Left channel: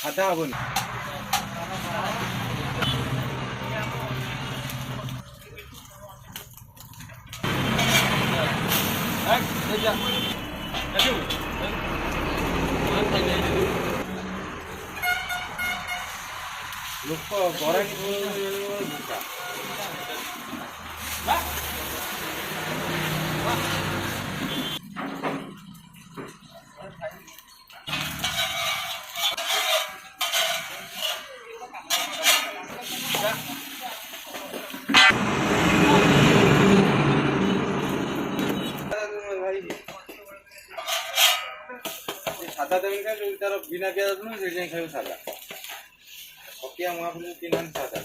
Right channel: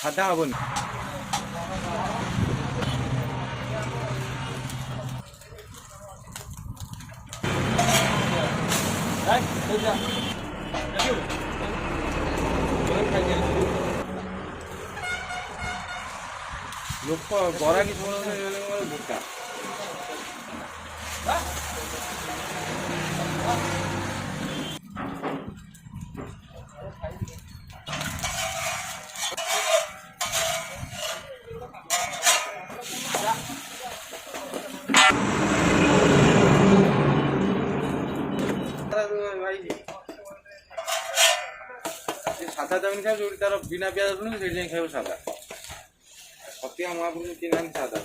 সাদা হবো না লোক গড়া কি ঢুকা সাদা দেবেন খাই তার বিনা পেঁয়াজ রসুন সেই জন্য খাইব সাদা সত্যি আমার কিনেন সাদা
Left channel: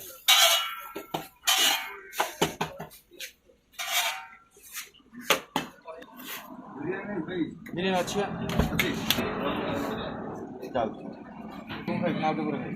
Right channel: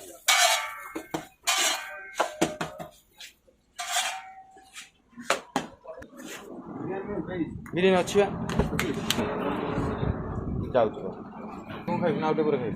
বিরিয়ানি আছে যাও তো খাই না ওটা করে খাই